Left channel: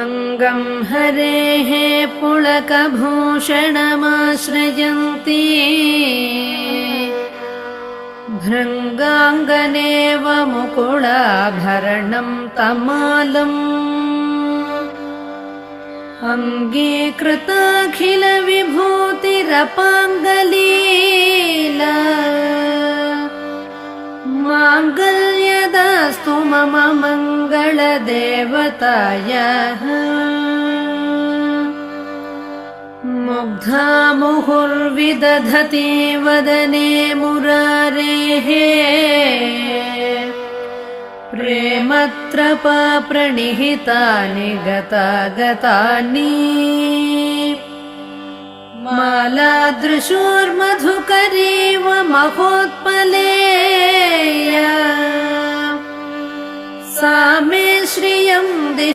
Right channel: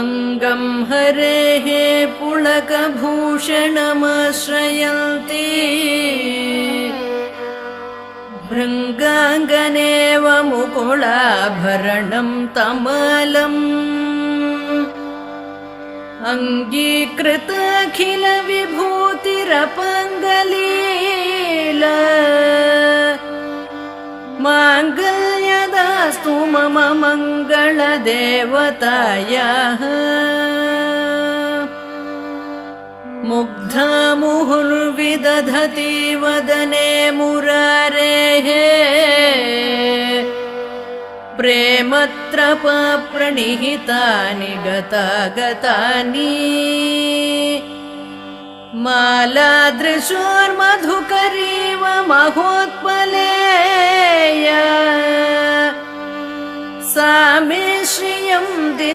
अङ्गं हरेः पुलकभूषणमाश्रयन्ती भृङ्गाङ्गनेव मुकुलाभरणं तमालम् अङ्गीकृताखिलविभूतिरपाङ्गलीला माङ्गल्यदास्तु मम मङ्गलदेवतायाः मुग्धा मुहुर्विदधति वदने मुरारेः प्रेमत्रपा प्रणिहितानि गतागतानि मालादृशोर्मधुकरीव महोत्पलेया सा मे